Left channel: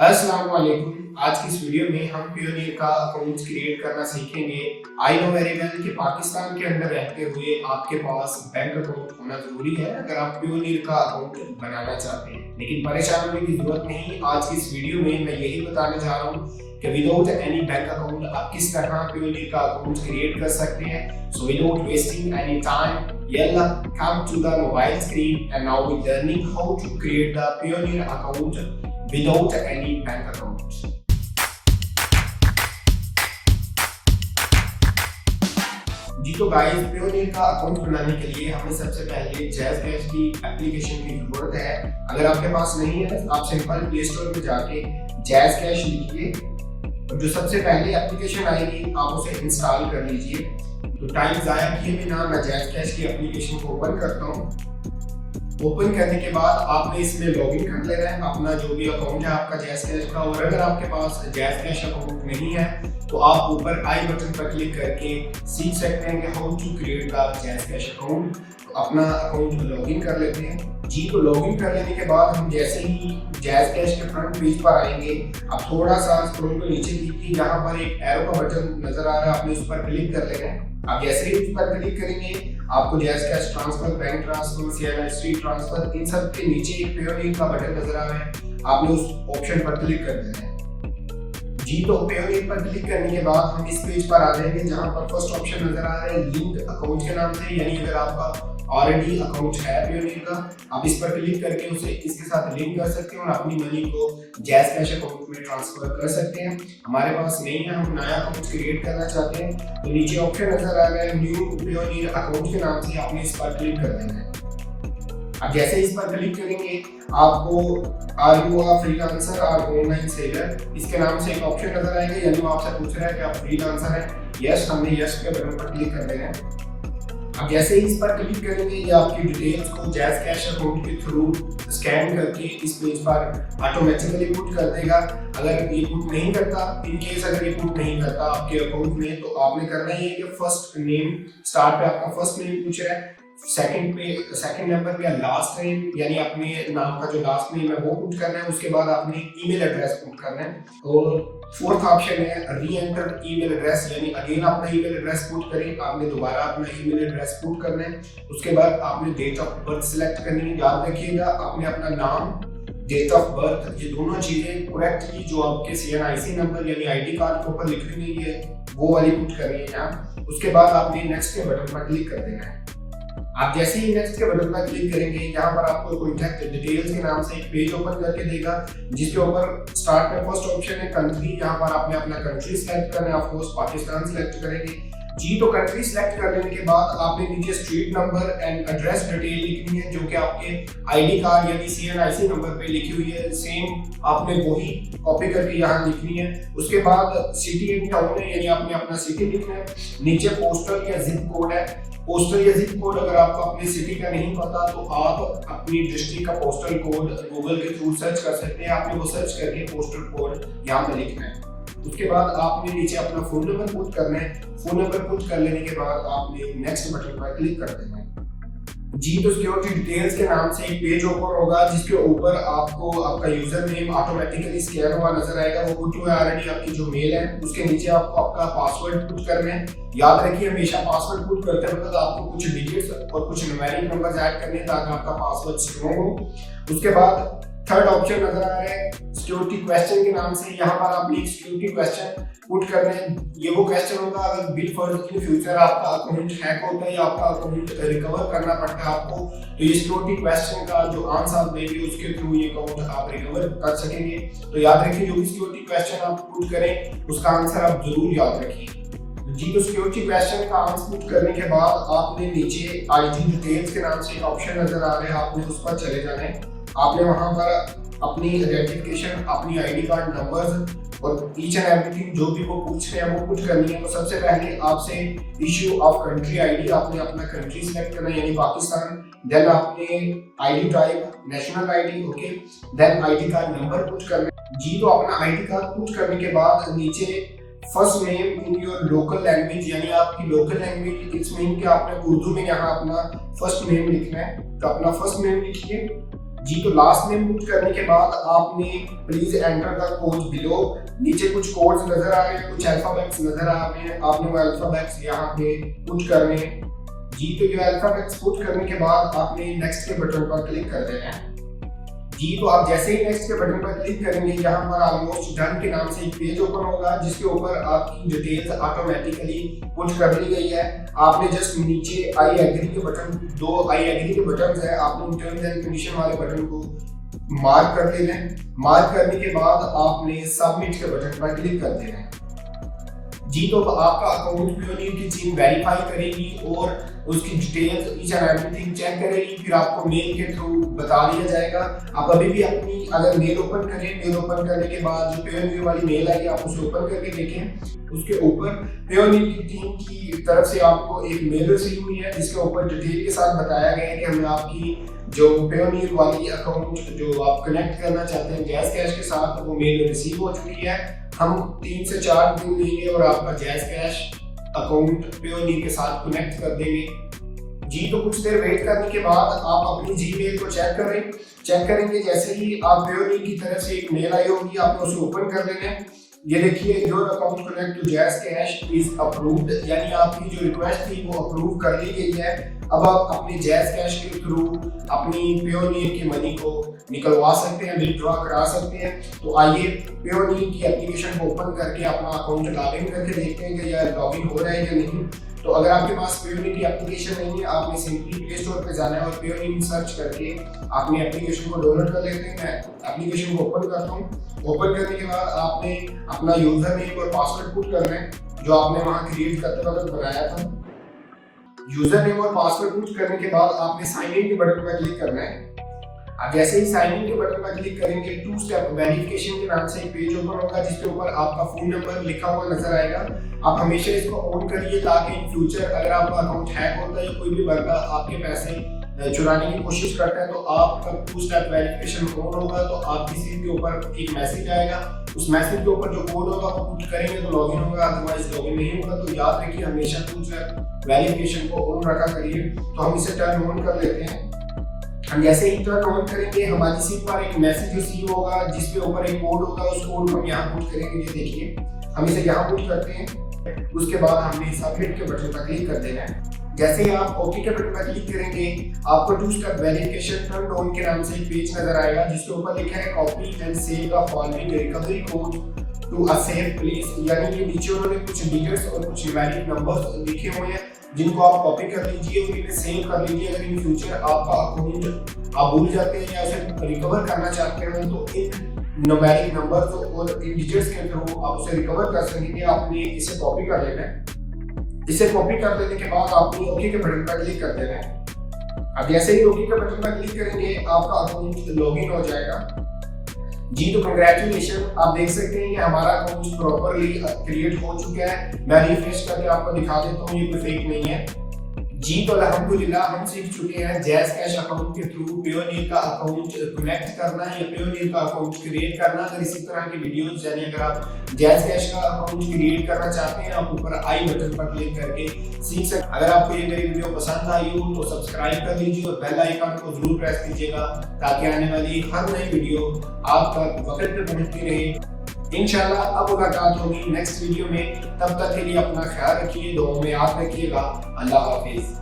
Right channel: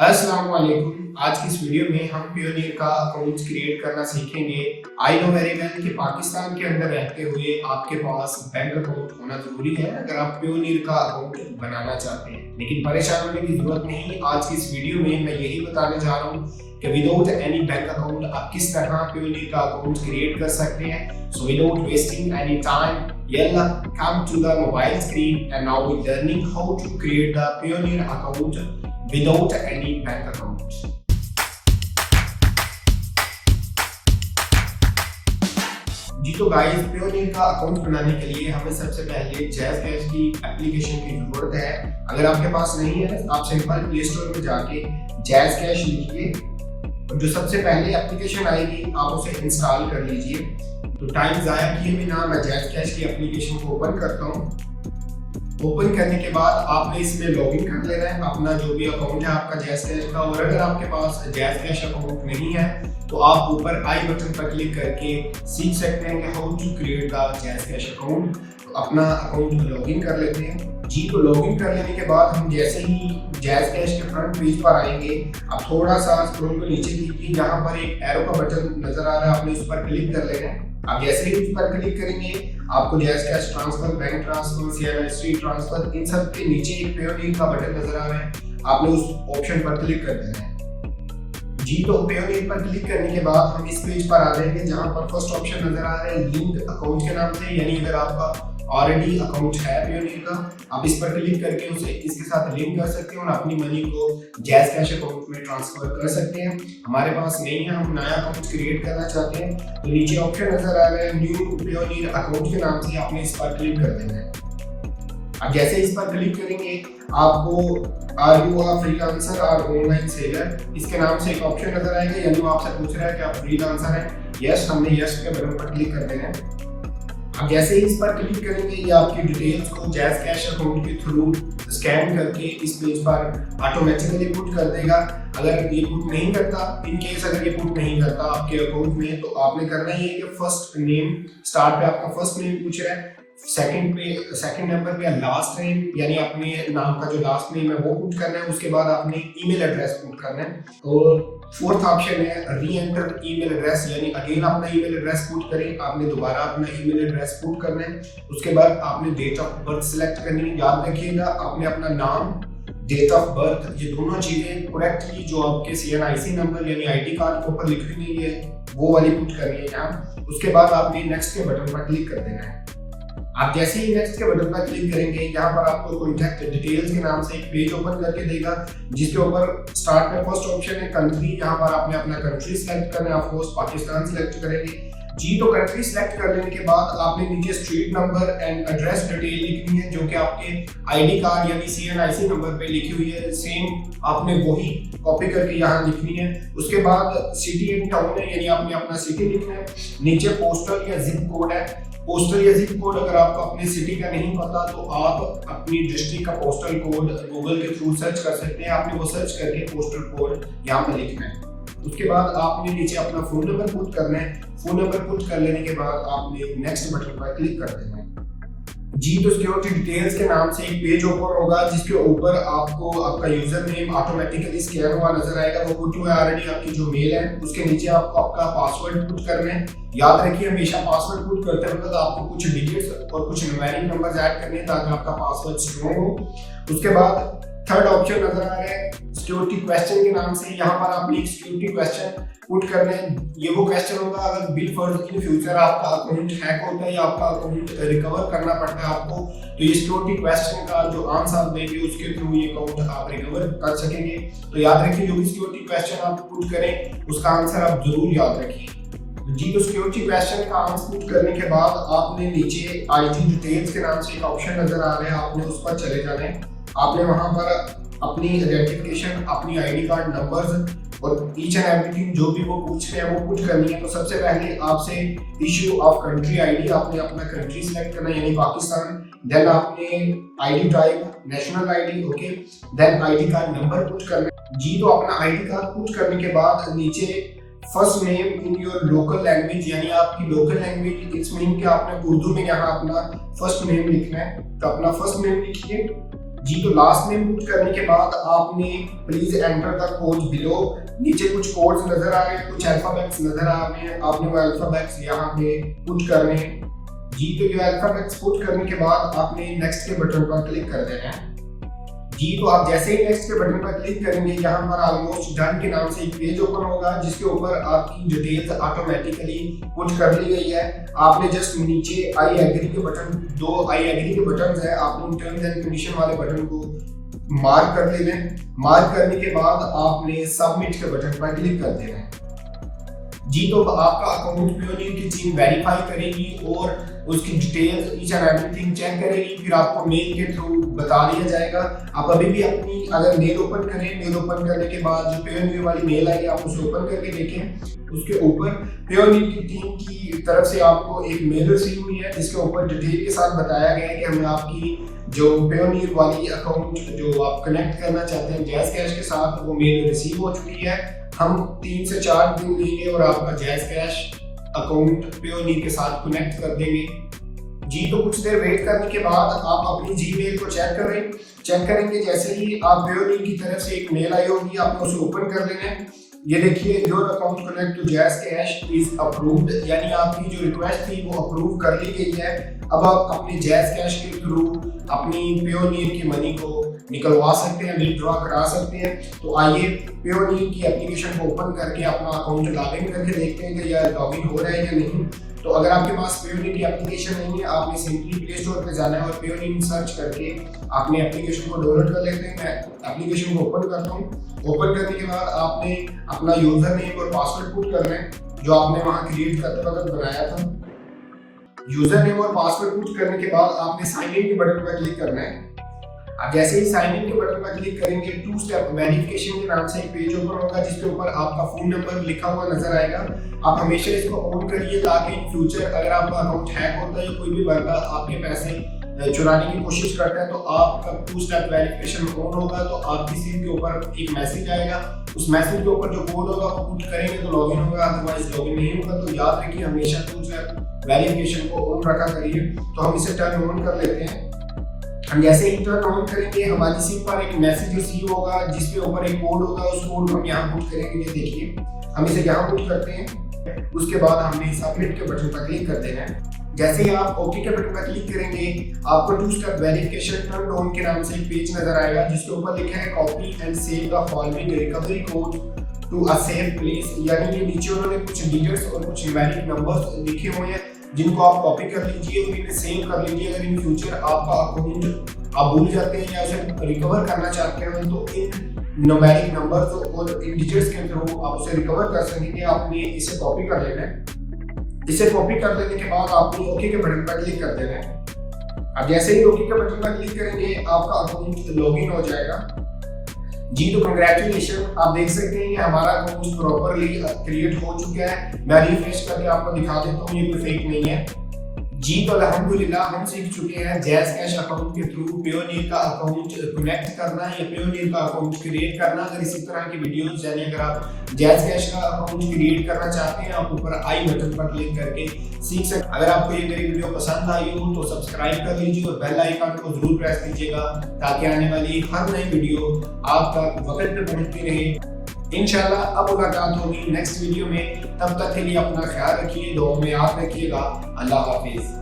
अस्सलाम-ओ-अलैकुम। आज की इस वीडियो में हम पेयोनियर का अकाउंट क्रिएट करना सीखेंगे। आई नो वेरी वेल कि पाकिस्तान के अंदर रहते हुए आपके पास बैंक अकाउंट होना जरूरी है अगर आप पेयोनियर का अकाउंट बनाना चाहते हैं, लेकिन परेशान होने की जरूरत नहीं। आज की इस वीडियो में मैं यही बताने जा रहा हूँ कि विदाउट एनी बैंक अकाउंट आप किस तरह पेयोनियर का अकाउंट क्रिएट कर सकते हैं। So without wasting any time, yalla, come to the mobile screen and now we're learning how to create the Payoneer account without any bank account. जी तो guys, Payoneer का account बनाने के लिए हमें सबसे पहले जैज़कैश की एप्लीकेशन की जरूरत है। अगर आपके पास नहीं है तो आप सिंपल प्ले स्टोर में जाके जैज़कैश लिखिए, जो सबसे पहले एप्लीकेशन आएगी आप उसे इंस्टॉल कर लीजिए। तो टाइम ज़ाया किए बिना मैं जैज़कैश की एप्लीकेशन को ओपन करता हूँ। ओपन करने के बाद आपने इसमें लॉगिन कर लेना है अपना जो भी अकाउंट है आपका जैज़कैश का। और अगर आपके पास जैज़कैश अकाउंट नहीं है तो आप ऊपर आई बटन पर क्लिक करके सीख सकते हैं कि how to create the JazzCash account. तो अपना अकाउंट लॉगिन कर लेते हैं। जी तो लॉगिन कर लेने के बाद हम जैसे ही जैज़कैश के फ्रंट पेज पर आएंगे, आप थोड़ा सा स्क्रॉल को नीचे कीजिए, जहाँ पर एक एरो का बटन नजर आ रहा है, आपने उस पर क्लिक कर लेना है। आप जैसे ही उस पर क्लिक करेंगे आपको JazzCash transfer, bank transfer, CNIC transfer, इन सब के नीचे एक पेयोनियर का बटन नजर आ रहा है, आपने उस ऑप्शन पर क्लिक कर देना है। जी तो पेयोनियर पर क्लिक करने के बाद हम इस पेज पर आ जाएंगे जहां पर फर्स्ट ऑप्शन नजर आ रहा है लिंक अकाउंट के नाम से, यानी अगर आपका ऑलरेडी अकाउंट है पेयोनियर का, आप इस पर क्लिक करके उसे इसके साथ लिंक कर सकते हैं और अपनी मनी को जैज़कैश अकाउंट में ट्रांसफर कर सकते हैं। हमारे पास नहीं है, हम नया अकाउंट क्रिएट करना चाहते हैं, तो नीचे ऑप्शन नजर आ रहा है न्यू पेयोनियर अकाउंट के नाम से, आपने इस पर क्लिक कर देना है। अब जैसे इस पर क्लिक करेंगे आपको आर यू अ फ्रीलांसर और ऑनलाइन सेलर, इसके नाम से एक ऑप्शन नजर आएगा, यानी वो आपसे पूछ रहा है कि आप फ्रीलांसर हैं। यस, हमने यस के बटन पर क्लिक कर देना है। अब जैसे ही इस पर क्लिक करेंगे ये आपकी डिटेल्स को जैज़कैश अकाउंट के थ्रू स्कैन करके इस पेज पर ऑटोमेटिकली पुट कर देगा। अगर ये पुट नहीं करता, इन केस अगर ये पुट नहीं करता आपके अकाउंट में, तो आपने करना ही है कि फर्स्ट नेम, स्टार्ट पे आपका फर्स्ट नेम पूछ रहा है, सेकंड नंबर पे लास्ट नेम, यानी अपने नाम का जो लास्ट नेम है वो पुट करना है। उसके बाद आपने ईमेल एड्रेस पुट करना है। और फोर्थ ऑप्शन है री एंटर ईमेल एड्रेस, यानी अगेन अपना ईमेल एड्रेस पुट करें, आपने दोबारा अपना ईमेल एड्रेस पुट करना है। उसके बाद आपने डेट ऑफ बर्थ सिलेक्ट करनी है। याद रखिएगा आपने अपना नाम, डेट ऑफ बर्थ, ये दोनों चीजें करेक्टली जो आपके सीएनआईसी नंबर यानी आईडी कार्ड के ऊपर लिखी हुई है वो वाली पुट करनी है यहाँ। उसके बाद आपने नेक्स्ट के बटन पर क्लिक कर देना है। आप जैसे ही नेक्स्ट के बटन पर क्लिक करेंगे यहाँ पर आपको कॉन्टैक्ट डिटेल्स के नाम से एक पेज ओपन करके देगा, जिसके ऊपर स्टार्ट में फर्स्ट ऑप्शन है कंट्री। यहाँ पर आपने अपना कंट्री सिलेक्ट करना है, ऑफ कोर्स पाकिस्तान सिलेक्ट करेंगे। जी तो कंट्री सिलेक्ट कर लेने के बाद आपने नीचे street number and address detail लिखनी है, जो कि आपके आईडी कार्ड यानी सीएनआईसी नंबर पे लिखी हुई है, सेम आपने वही कॉपी करके यहाँ लिखनी है। उसके बाद सिटी एंड टाउन है, यानी आपने अपना सिटी लिखना है। नीचे पोस्टल या जिप कोड है। पोस्टल या जिप कोड अगर आपको अपने सिटी का नहीं पता तो आप अपनी डिस्ट्रिक्ट का पोस्टल कोड गूगल के थ्रू सर्च कर सकते हैं। आपने वो सर्च करके पोस्टल कोड यहाँ पर लिखना है। उसके बाद आपने नीचे अपना फोन नंबर पुट करना है। फोन नंबर पुट कर लेने के बाद आपने नेक्स्ट बटन पर क्लिक कर देना है। जी तो सिक्योरिटी डिटेल्स के नाम से एक पेज ओपन होगा, जिसके ऊपर आपको आपका यूजर नेम ऑटोमेटिकली स्कैन हुआ नजर आएगा, वो पुट हुआ है ऑलरेडी आपकी जो मेल है। उसके नीचे आपको आपका पासवर्ड पुट करना है। याद रखिए हमेशा पासवर्ड पुट करते वक्त आपको कुछ डिजिट्स और कुछ न्यूमेरिक नंबर्स ऐड करने हैं ताकि आपका पासवर्ड स्ट्रॉन्ग हो। उसके बाद थर्ड ऑप्शन नजर आ रहा है सिक्योरिटी क्वेश्चन के नाम से, यहाँ पर आपने एक सिक्योरिटी क्वेश्चन पुट करना है। ये वो क्वेश्चन होगा अगर बिल फर्ज इन फ्यूचर आपका अकाउंट हैक होता है या आपका अकाउंट रिकवर करना पड़ता है आपको, तो ये सिक्योरिटी क्वेश्चन का जो आंसर आप देंगे उसके थ्रू ये अकाउंट आप रिकवर कर सकेंगे। तो याद रखिए जो भी सिक्योरिटी क्वेश्चन आप पुट करें उसका आंसर आप जरूर याद रखिए। जी तो सिक्योरिटी क्वेश्चन का आंसर पुट करने के बाद आपने नीचे आईडी डिटेल्स के नाम से एक ऑप्शन नजर आ रहा है, आपने उस पर चले जाना है। आपने वहां पर अपनी आइडेंटिफिकेशन, अपनी आईडी कार्ड नंबर्स और ईच एंड एवरीथिंग जो भी वो पूछ रहे हैं वो पुट करनी है। तो सबसे पहले आपसे इश्यू ऑफ कंट्री आईडी, आपने अपना कंट्री सिलेक्ट करना है यानी पाकिस्तान। देन आपने ID type national ID, okay. Then ID card number put करना है। जी तो अपना आईडी कार्ड पुट करने के बाद नीचे first name in your local language, यानी आपकी लोकल लैंग्वेज, इट्स मीन कि आपने उर्दू में यहाँ अपना फर्स्ट नेम लिखना है। तो अपना फर्स्ट नेम लिखिए। जी, तो लास्ट नेम पुट करने के बाद आपने please enter the code below. नीचे कुछ कोड्स नजर आ रहे हैं, कुछ अल्फाबेट्स नजर आ रहे हैं, आपने वो अल्फाबेट्स यहाँ पे पुट करने हैं। जी, तो ये अल्फाबेट्स पुट करने के बाद आपने नेक्स्ट के बटन पर क्लिक कर देना है। जी, तो आप जैसे ही नेक्स्ट के बटन पर क्लिक करेंगे, यहाँ पर ऑलमोस्ट डन के नाम से एक पेज ओपन होगा जिसके ऊपर आपकी डिटेल्स ऑटोमेटिकली पुट कर ली गई है। आपने जस्ट नीचे आई एग्री के बटन, दो आई एग्री के बटन है, आपने उन टर्म्स एंड कंडीशन वाले बटन को मार्क कर लेना है। मार्क करने के बाद आपने सबमिट के बटन पर क्लिक कर देना है। जी, तो आपका अकाउंट पेयोनियर की टीम वेरीफाई करेगी और उसकी details each and everything check करेगी, फिर आपको मेल के थ्रू बता दिया जाएगा। आप अभी भी अपनी अगर मेल ओपन करें, मेल ओपन करने के बाद जो पेयोनियर वाली मेल आई आप उसे ओपन करके देखें, उसके ऊपर पेयोनियर की टीम की तरफ से आपको एक मेल रिसीव हुई है जिसके ऊपर डिटेल के साथ बताया गया है कि हमें आपकी जो पेयोनियर वाली अकाउंट जो आप कनेक्ट करना चाहते हैं जैज़ कैश के साथ, वो मेल रिसीव हो चुकी है। हम 3 से 4 दिन लेंगे और आपका जैज़ कैश अकाउंट पेयोनियर के साथ कनेक्ट कर देंगे। जी, तो कुछ देर वेट करने के बाद आप अपनी जीमेल को चेक करेंगे। जैसे ही आप पेयोनियर की तरफ से एक मेल आई होगी, आपने उसे ओपन कर लेना है। ये देखिए, your account connect to JazzCash is approved, यानी आपकी जो रिक्वेस्ट थी वो अप्रूव कर ली गई है। अब आप अपने जैज़ कैश के थ्रू अपनी पेयोनियर की मनी को निकलवा सकते हैं, विथड्रॉ करा सकते हैं। तो आइए पेयोनियर की एप्लीकेशन को ओपन करके अपना अकाउंट लॉगिन करके देखते हैं कि यह लॉगिन हो रहा है या नहीं। तो अगर आपके पास पेयोनियर की एप्लीकेशन नहीं है, आपने सिंपली प्ले स्टोर पे जाना है और पेयोनियर सर्च करके आपने एप्लीकेशन को डाउनलोड कर लेते हैं। मैं एप्लीकेशन को ओपन करता हूँ। ओपन करने के बाद आपने अपना यूजर नेम और पासवर्ड पुट करना है जो आपने वहाँ क्रिएट करते वक्त बनाया था। यूजर नेम और पासवर्ड पुट करने के बाद आपने साइन इन के बटन पर क्लिक करना है। अब जैसे ही साइन इन के बटन पर क्लिक करेंगे, 2 स्टेप वेरिफिकेशन के नाम से एक पेज ओपन होगा जिसके ऊपर आपका फोन नंबर लिखा हुआ नजर आएगा। आप हमेशा इसको ऑन करिए ताकि इन फ्यूचर अगर आपका अकाउंट हैक होता है या कोई भी बंदा आपके पैसे चुराने की कोशिश करता है तो आपका 2 स्टेप वेरिफिकेशन ऑन होगा, तो आपकी सिम के ऊपर एक मैसेज आएगा। उस मैसेज के ऊपर जो कोड होगा वो पुट करेंगे तो लॉगिन होगा, अदरवाइज लॉगिन नहीं होगा। तो याद रखिए, हमेशा 2 स्टेप वेरिफिकेशन को ऑन रखा करिए। तो हम इसे टर्न ऑन कर लेते हैं। हम जैसे ही टर्न ऑन करेंगे, हमारी सिम पर एक मैसेज रिसीव होगा जिसके ऊपर एक कोड होगा, उस कोड को हम यहाँ पुट करेंगे। ये देखिए, हम इसे यहाँ पुट करते हैं। उसके बाद हमने सबमिट के बटन पर क्लिक कर देना है। जैसे ही आप ओके के बटन पर क्लिक करेंगे, आपको 2 स्टेप वेरिफिकेशन टर्न ऑन के नाम से एक पेज नजर आएगा जिसके ऊपर लिखा है copy and save the following recovery code to a safe place, यानी ये नीचे उन्होंने कुछ डिजिट्स और कुछ न्यूमेरिक नंबर्स लिखे हुए हैं जिनको आप कॉपी कर लीजिए और इन्हें सेव कर लीजिए। अगर इन फ्यूचर आपका अकाउंट आप भूल जाते हैं या उसे रिकवर करना चाहते हैं तो इन न्यूमेरिक नंबर्स और इन डिजिट्स के थ्रू आप उसे रिकवर कर सकेंगे। आपने इसे कॉपी कर लेना है। इसे कॉपी कर लेने के बाद आपने ओके के बटन पर क्लिक कर देना है। अब जैसे ही ओके के बटन पर क्लिक करेंगे, आपका अकाउंट लॉगिन हो जाएगा। जी, तो कंग्रेचुलेशन, आप देख सकते हैं कि हमारा अकाउंट प्रॉपरली क्रिएट हो चुका है। मैं रिफ्रेश करके आपको दिखा देता हूँ, ये कोई फेक नहीं है। जी, तो अल्हम्दुलिल्लाह हम सीख चुके हैं जैज़ कैश अकाउंट के थ्रू पेयोनियर का अकाउंट कनेक्ट करना या पेयोनियर का अकाउंट क्रिएट करना। अगर इसी तरह की वीडियोस यानी अगर आप जैज़ कैश का अकाउंट क्रिएट करना चाहते हैं, आप ऊपर आई बटन पर क्लिक करके सीख सकते। अगर आपको ये मेरी वीडियो पसंद आई हो तो सब्सक्राइब कर लीजिए और बेल आइकन को जरूर प्रेस कीजिएगा ताकि आने वाली हर नई वीडियो आप तक वक्त पे पहुंचती रहे। इंशाल्लाह अब मुलाकात होगी नेक्स्ट वीडियो में। तब तक के लिए अपना ख्याल रखिए, दुआ में याद रखिएगा। अल्लाह हाफिज।